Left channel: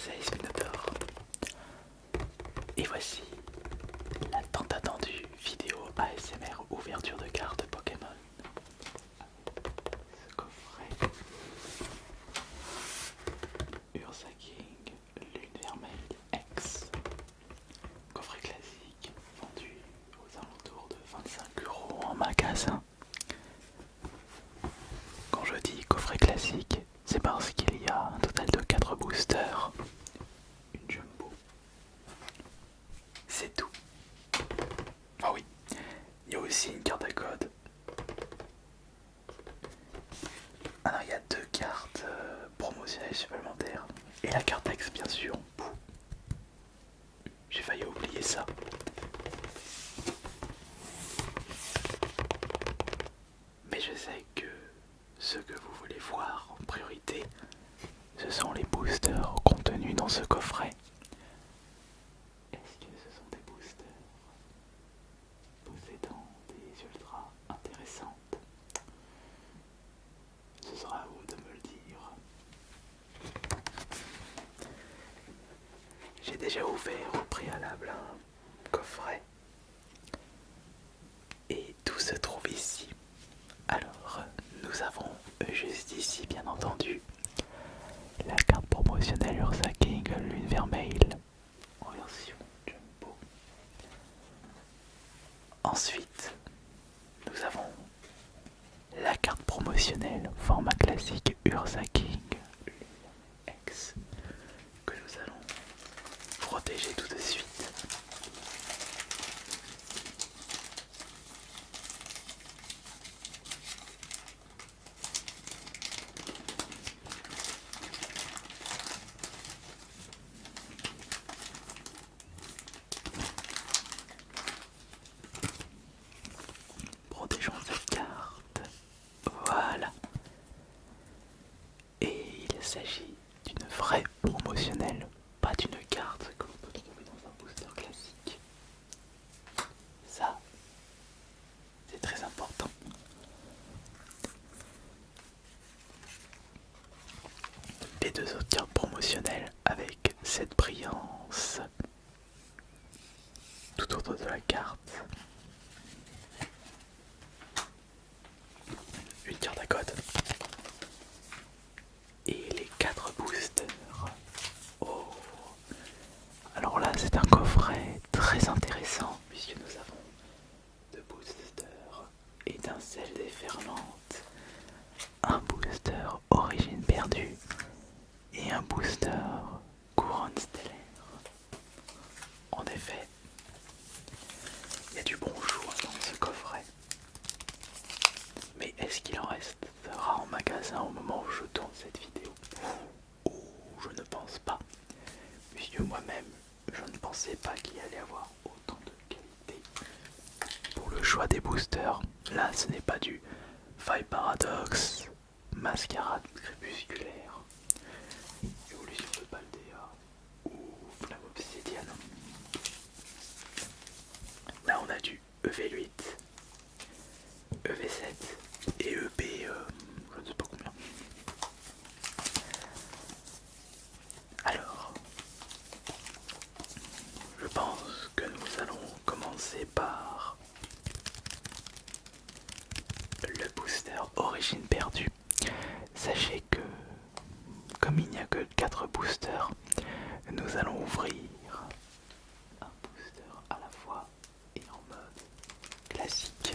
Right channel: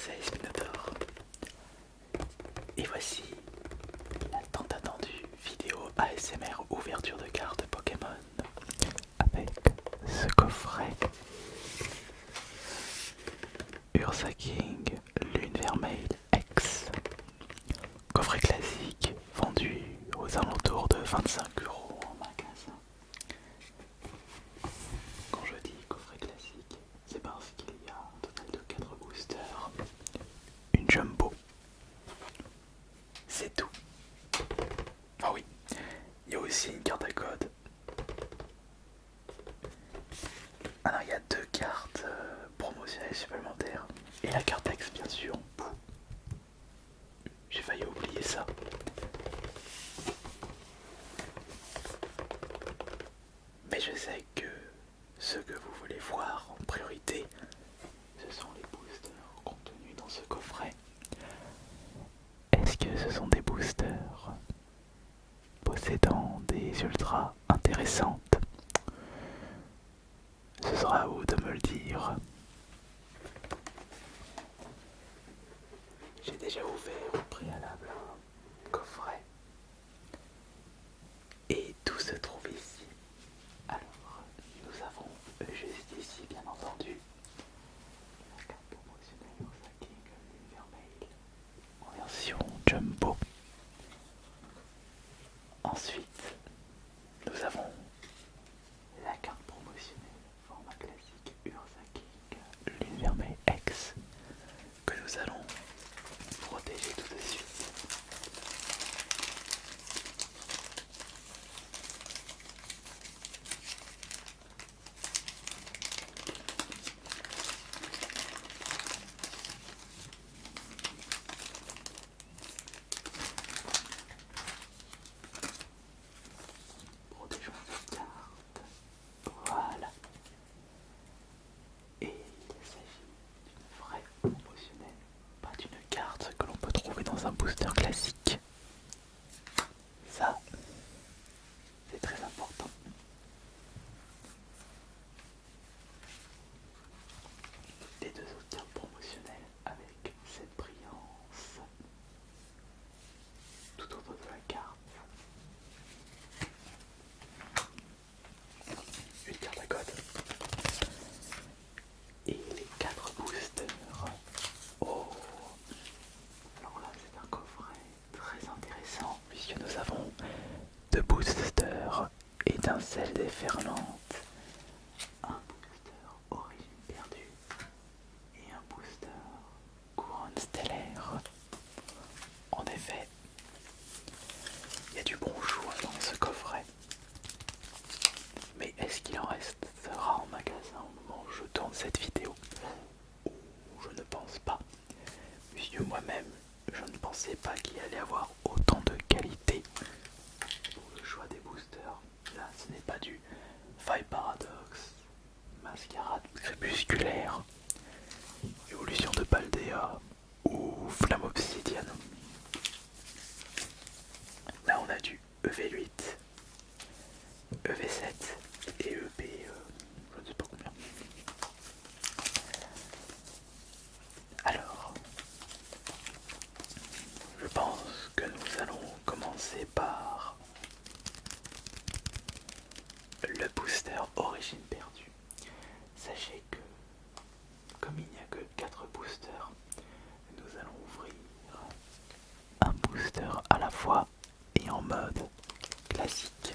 c'est Spinotaur. Et voici la tant attendue vidéo ASMR ouverture de cartes Pokémon avec ce coffret Ursa King Lune Vermeille X. Coffret classique vendu aux alentours de 25 € en magasin. Quand je dis coffret classique, c'est parce qu'il y a un total de 4 boosters, une jumbo. C'est tout. Ah oui, il y a aussi une carte à code. Ah non, il y a 2 cartes promotionnelles supplémentaires. Et la carte X, bien sûr. J'ai failli oublier ça. Mais je sais que ce que vous voulez voir en priorité, ce sont les boosters contenus dans ce coffret. Est-ce que ce sont des boosters possédant des ultras intéressantes? Ce sera à vous de me le dire. J'ai déjà ouvert au préalable un coffret et tout se trouve ici. Alors, nous avons juste ici, bien entendu, la carte promotionnelle Ursa King Lune Vermeille en version Jumbo. Ensuite, nous avons la carte promotionnelle format classique Ursa King Lune Vermeille X que nous allons protéger tout de suite. Protégeons cette carte. Voilà. Et il s'agit d'une vraie promotionnelle, pas d'une carte que l'on peut trouver dans un booster classique. Ça, c'est très important. Les 2 autres cartes promotionnelles avec cette brillance tout autour de la carte. Une carte à code. Et les 4 boosters. Oh. Alors là, c'est un coffret très intéressant puisque nous avons 2 boosters étincelles déferlantes, un booster origine perdue et un booster couronne stellaire. En effet, il y a du bon choix dans ce coffret. Mais est-ce qu'il en restera en magasin au moment où je tourne cette vidéo? Ou je ne pense pas, puisque moi-même je ne pensais pas qu'il allait avoir autant de qualité pour le choix des boosters. Là, ce n'est pas du Faille Paradox, Mascarade Crépusculaire, Évolution de Paldea ou Flamme Obsidienne. Là, on a du EV8, EV7 et EB, je ne sais pas combien. Alors, je pense que nous allons commencer par le booster Origine perdue. Sachez que, comme il n'y a que 4 boosters, nous allons ouvrir un booster à la fois et en mode classique.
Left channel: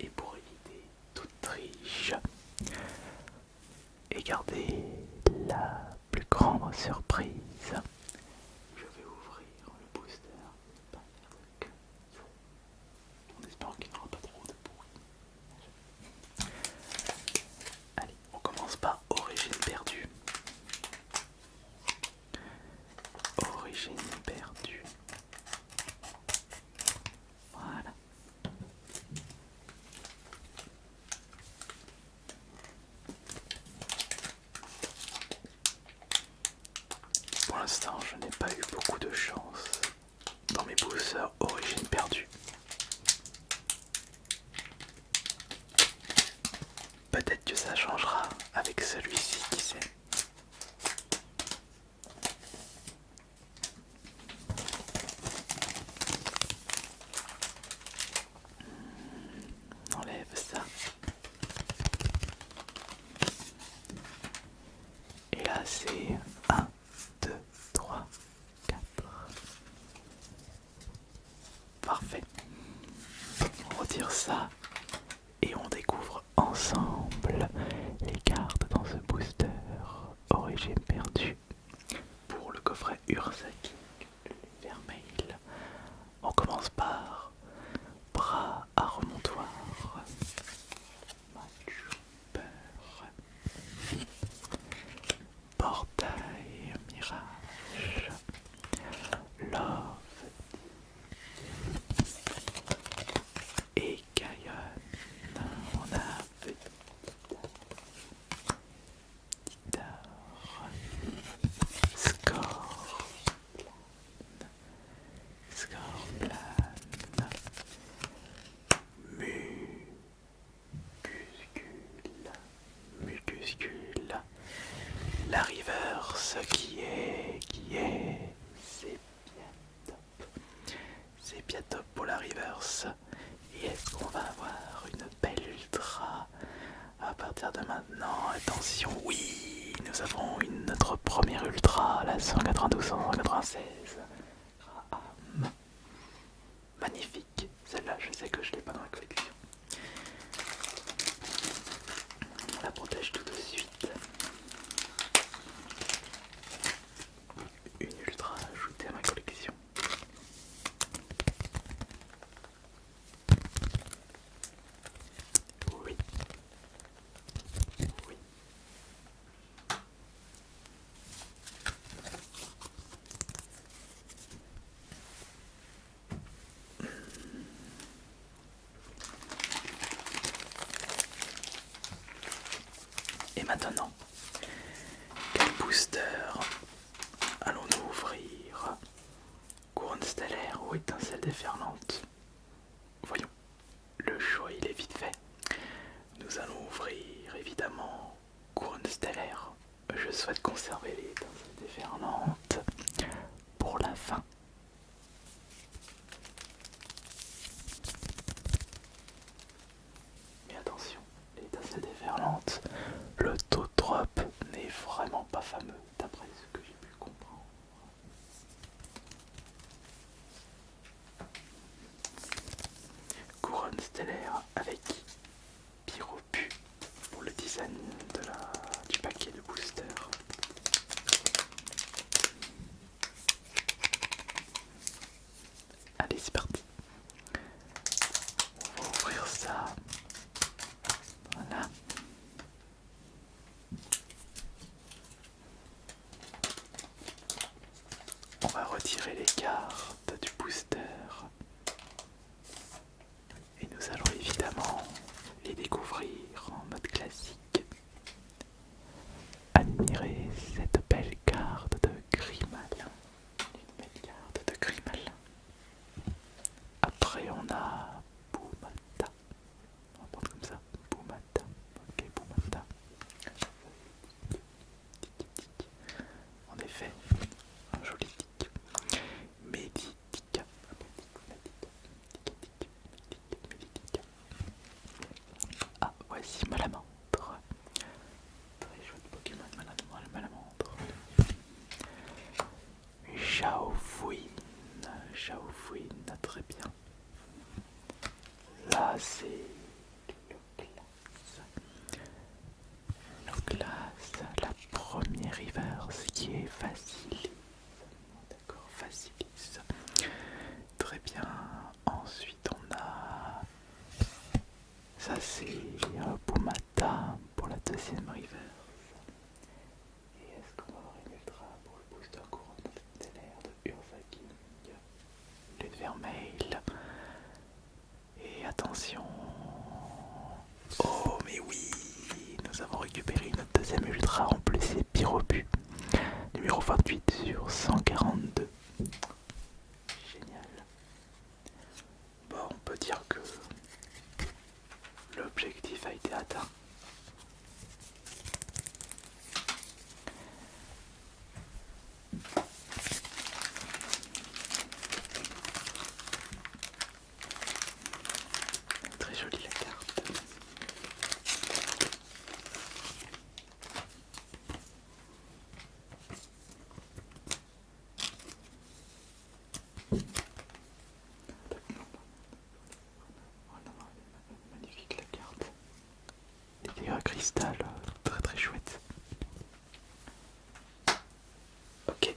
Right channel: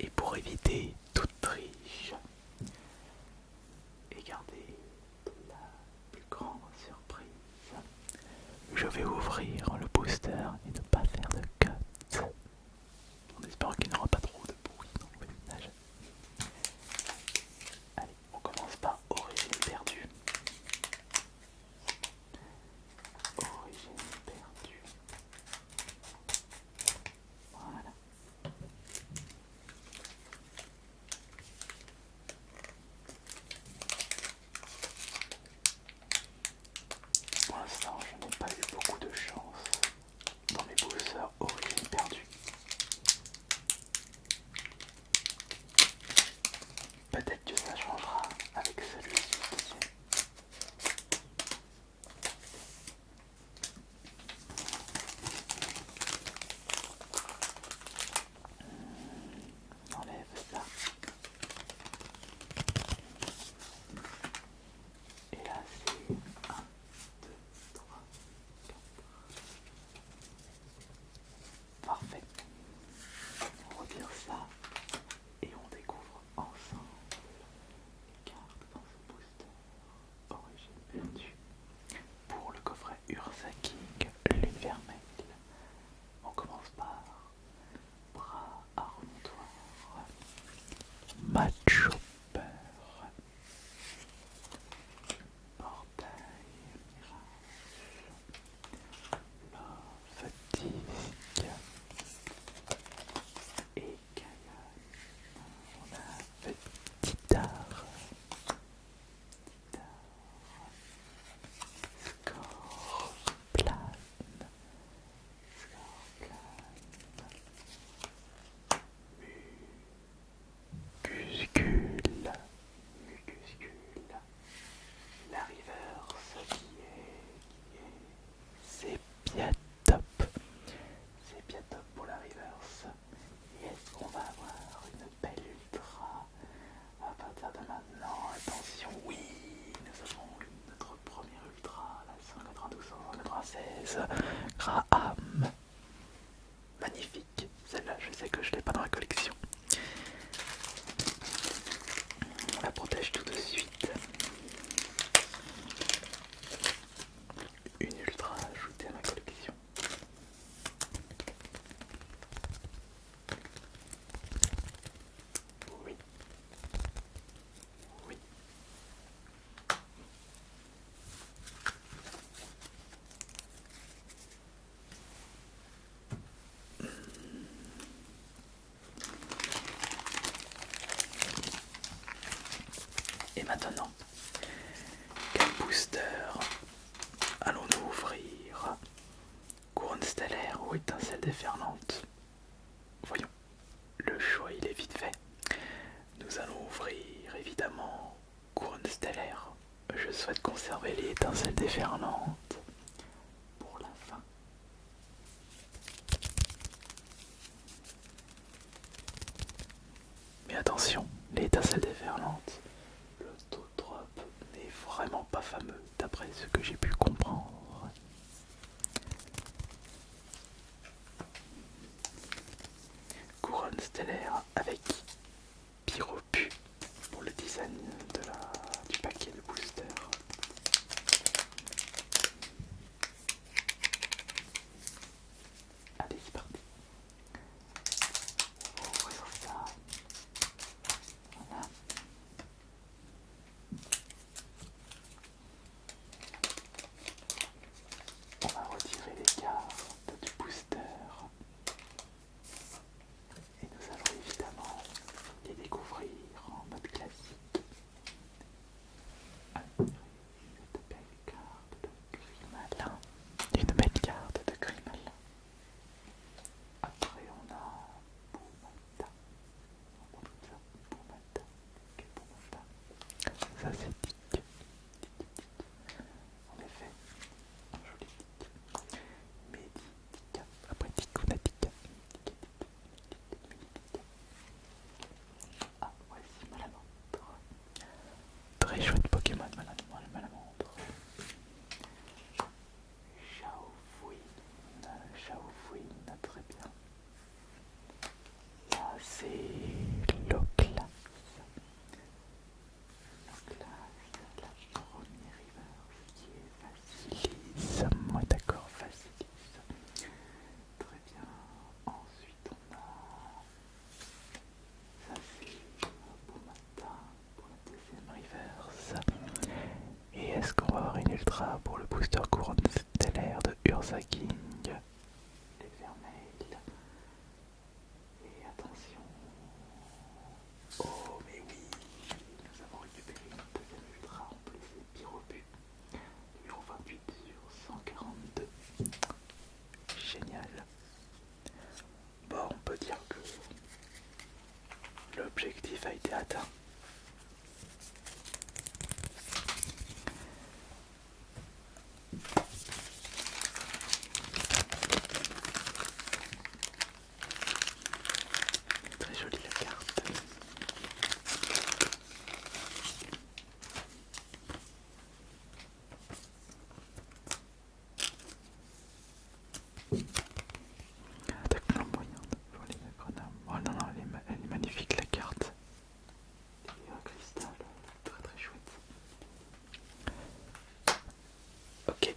Et pour éviter toute triche, Peut-être que ça changera avec celui-ci, qui sait. On enlève ça. Et là c'est 1, 2, 3, 4. Parfait. On retire ça et on découvre ensemble les cartes dans ce booster Origine perdue pour le coffret Ursa King, l'univers mail. On commence par bras à remontoir, match peur, portail mirage, love disc et Gaïon. On a petit art, score plan, Mucuscule, mucuscule. La reverse qui est, c'est bien top. C'est bien top pour la reverse. Et est-ce qu'on va avoir une belle ultra à partir de maintenant? Attention, oui, nous avons notre première ultra, la 192-196 Graham. Magnifique, celle-là je sais que je l'ai pas dans la collection. On la protège tout de suite. Une ultra ajoutée à ma collection. Oui. Oui. Et maintenant, quel booster allons-nous ouvrir? Couronne stellaire ou étincelle déferlante? Voyons, le choix il est vite fait. Nous allons ouvrir évidemment couronne stellaire. Je souhaite conserver les étincelles déferlantes pour la fin. Mais attention, les étincelles déferlantes, le taux de drop n'est vraiment pas fameux d'après ce que j'ai pu comprendre. Couronne stellaire avec Pyropu pour le design du paquet de booster. Allez, c'est parti. On va ouvrir ça. Voilà. On va retirer les cartes du booster. Et nous allons évidemment les découvrir en mode classique. Admirez cette belle carte de Grimalin. Une belle carte de Grimalin. Après on a Boumata. On va prendre comme ça. Boumata. Ok, Boumata. Ça c'est tic. En effet, un joli tic. Meditica. Après tic, on a tic. Meditica. Ah, voici Malamandre. Très chouette Pokémon, Malamandre. Chaofouine, très bien. Là c'est Loclas. La première reverse qui est Facilis. Moi d'accord, Facilis. Très bien. Ensuite on a... Ça c'est Boumata pour la deuxième reverse. Et est-ce qu'on va avoir une ultra pour le booster couronne stellaire de Ursa King? Les vermeils. Et attention. Oh mais oui, nous avons récupéré notre deuxième ultra, en plus c'est Pyropu. Numéro 28 sur 142. Génial. Bon, on peut dire que l'objectif a été atteint. cristal, très très chouette. Ok,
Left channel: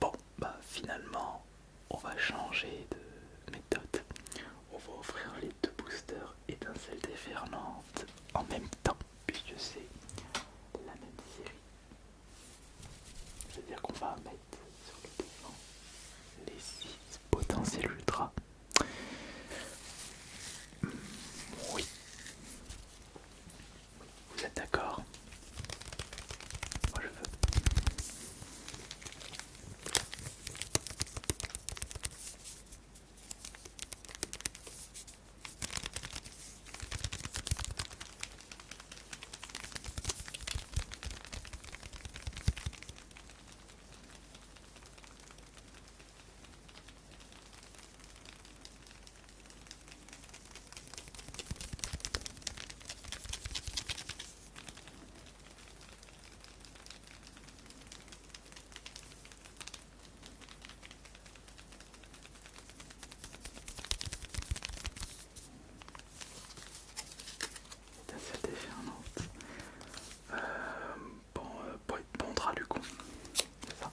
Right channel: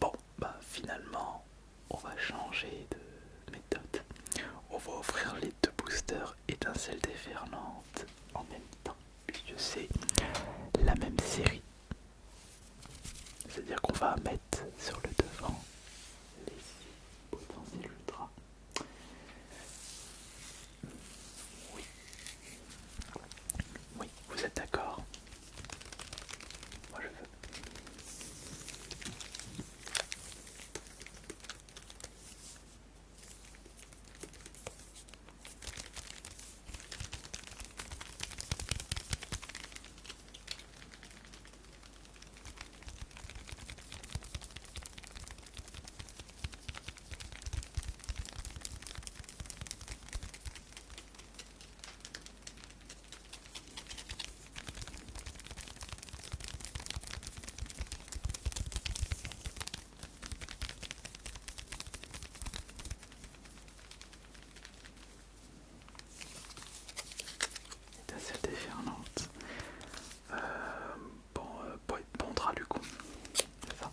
bon, bah finalement, on va changer de méthode. On va offrir les deux boosters étincelles déferlantes en même temps, puisque c'est la même série. C'est-à-dire qu'on va mettre sur le devant les 6 potentiels ultra. Oui, oui, vous êtes d'accord? Moi je veux. Étincelle déferlante. Bon, bon drap du coup. C'est ça.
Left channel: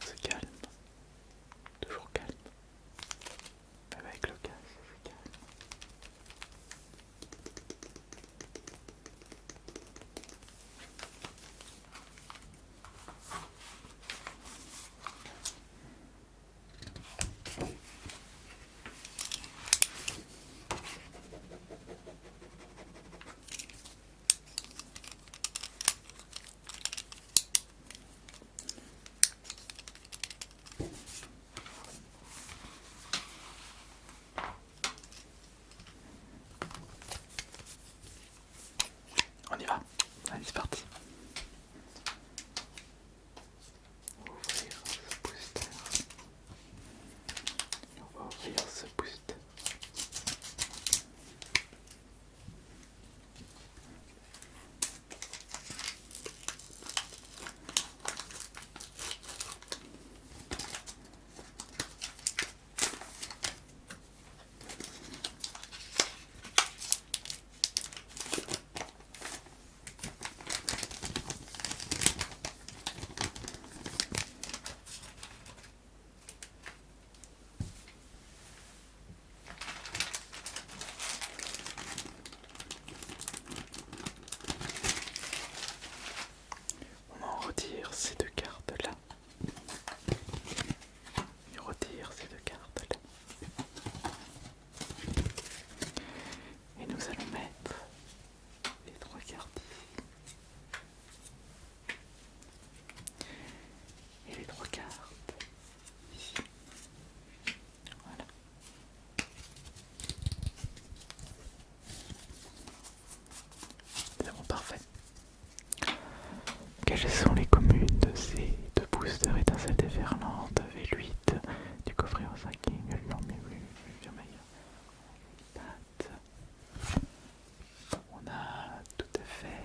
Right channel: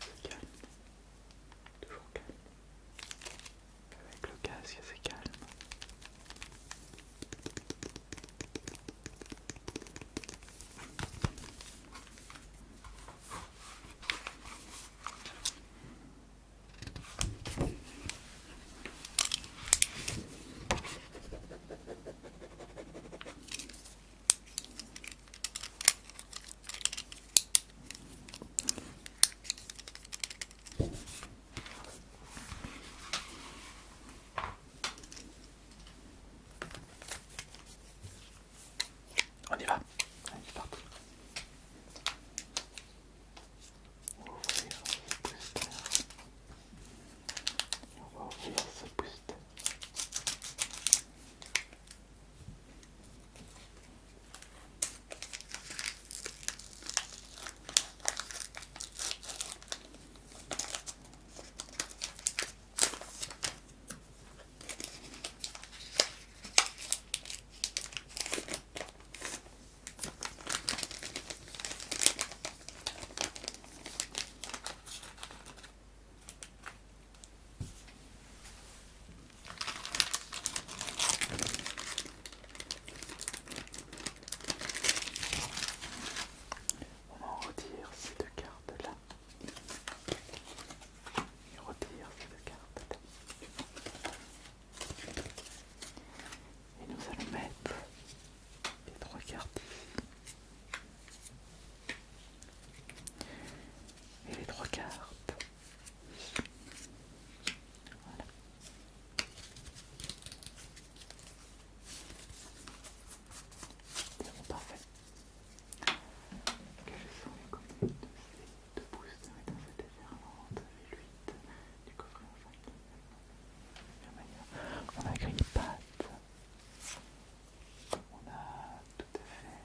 C'est calme. Toujours calme. Avec le casque, c'est calme. On y va. Allez, c'est parti. On va ouvrir ce booster. On va ouvrir ce booster. On en retire ces deux cartes-là. Et on retire ces deux cartes-là. Et nous allons mettre les 3 cartes ici. Et les 3 cartes ici. Voilà. C'est bon, parfait. Quelles sont les communes de ces deux boosters étincelles déferlantes V8 du coffret en 5 non mais oui, bien meilleur. On a Green-Pat. On a tout à fait.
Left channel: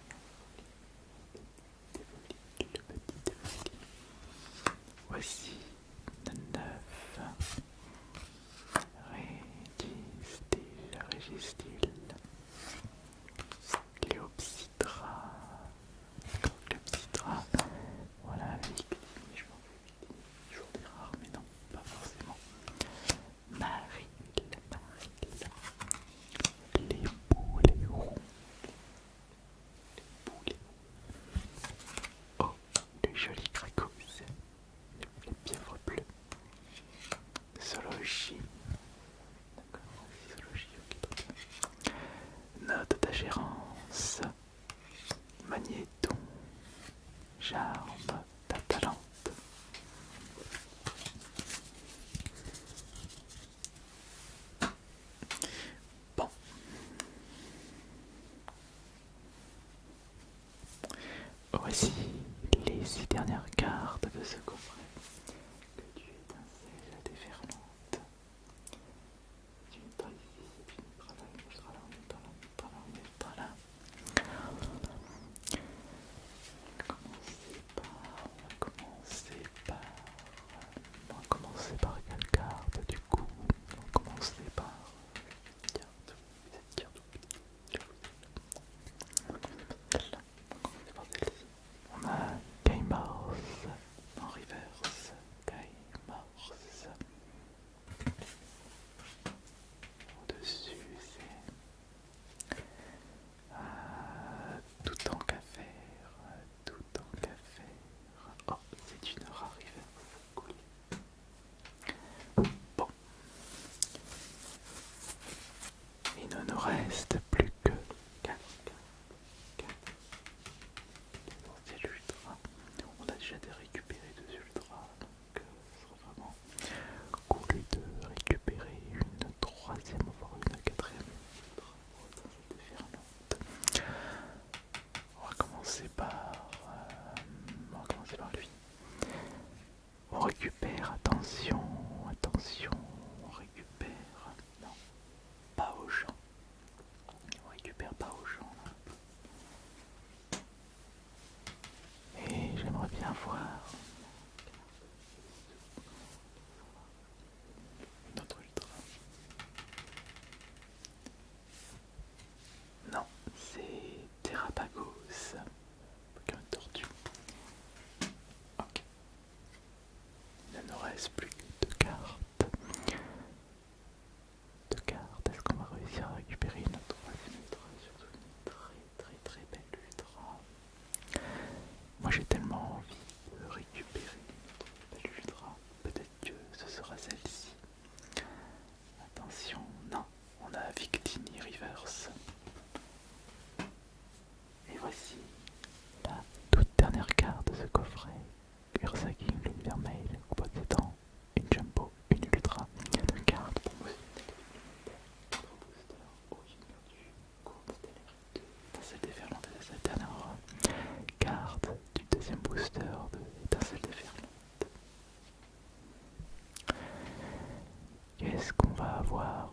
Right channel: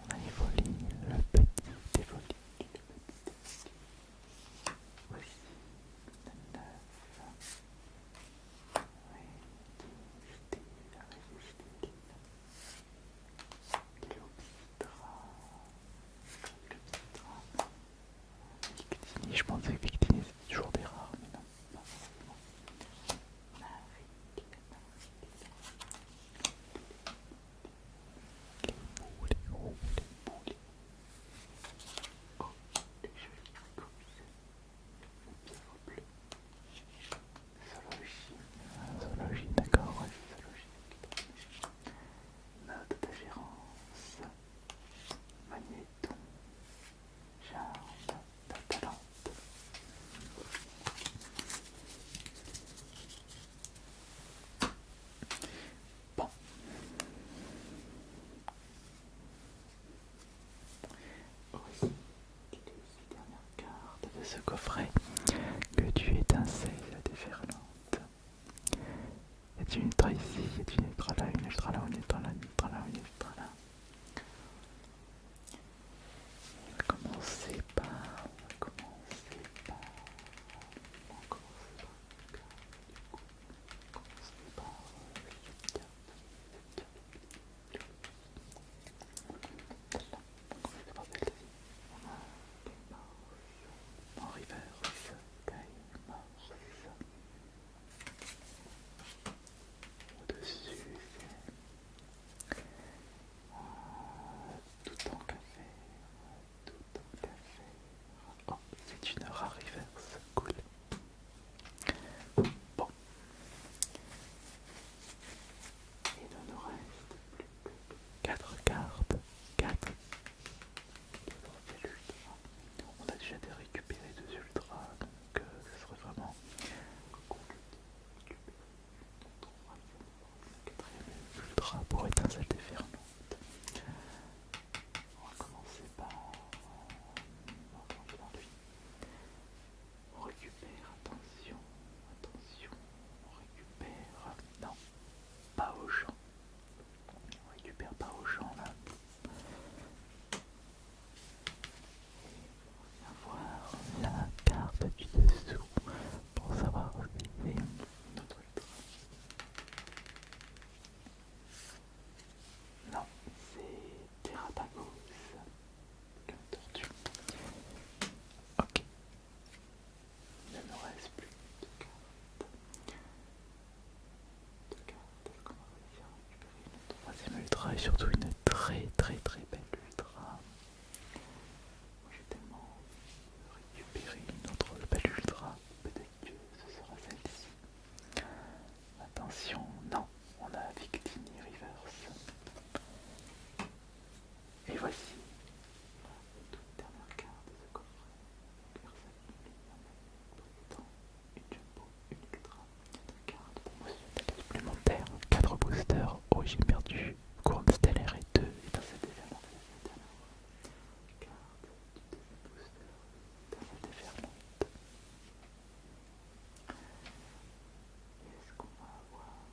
On a Evoli, le petit Evoli, le petit Evoli. Voici le 9. Régistil. Cléopsydra. Cléopsydra. Voilà, Victini. Je pensais que Victini c'est toujours des rares, mais non, pas forcément. Maril. Les boulets. Oh, le joli Cracos. Les pièvres bleues. Zoologie. Zoologie, d'accord, ouais, zoologie. Okay. Note d'agérance. Magnéton. Charme d'Atalante. Bon. Voici les 6 dernières cartes de ce coffret que tu étincelles déferlante. Y a-t-il une ultra ici? Y a-t-il une ultra là, une ultra là, une ultra là, une ultra là, une ne nous reste plus que 4 cartes. 4 potentiels ultras. On a déjà récupéré 2 ultras, donc ce serait vraiment cool de récupérer une troisième, voire une quatrième ultra pour étincelle déferlante. On va commencer par lui. On récupère, attention, attention, on récupère. Non, pas au champ. On récupère pas au champ là. Et j'aimerais bien voir la carte du dessous pour savoir si c'est notre ultra. Non, c'est Terrapagos, comme une tortue. Ok, il ne nous reste plus que 2 cartes. 2 cartes, est-ce qu'on va réussir à récupérer une troisième ultra et surtout une très très très belle ultra? Moi j'ai tellement envie de récupérer une autre belle ultra, peut-être que ce sera celle-ci. Attention, non, on a Victini Reverse. Et voici la toute dernière carte de ce coffret. Ursa King, lune vermeille, possédant une jumbo, une ultra, 2 cartes promotion supplémentaire, 4 boosters, origine perdue, couronne stellaire et 2 étincelles déferlantes de cette dernière carte du deuxième booster de étincelles déferlantes. Qu'est-ce qu'on va avoir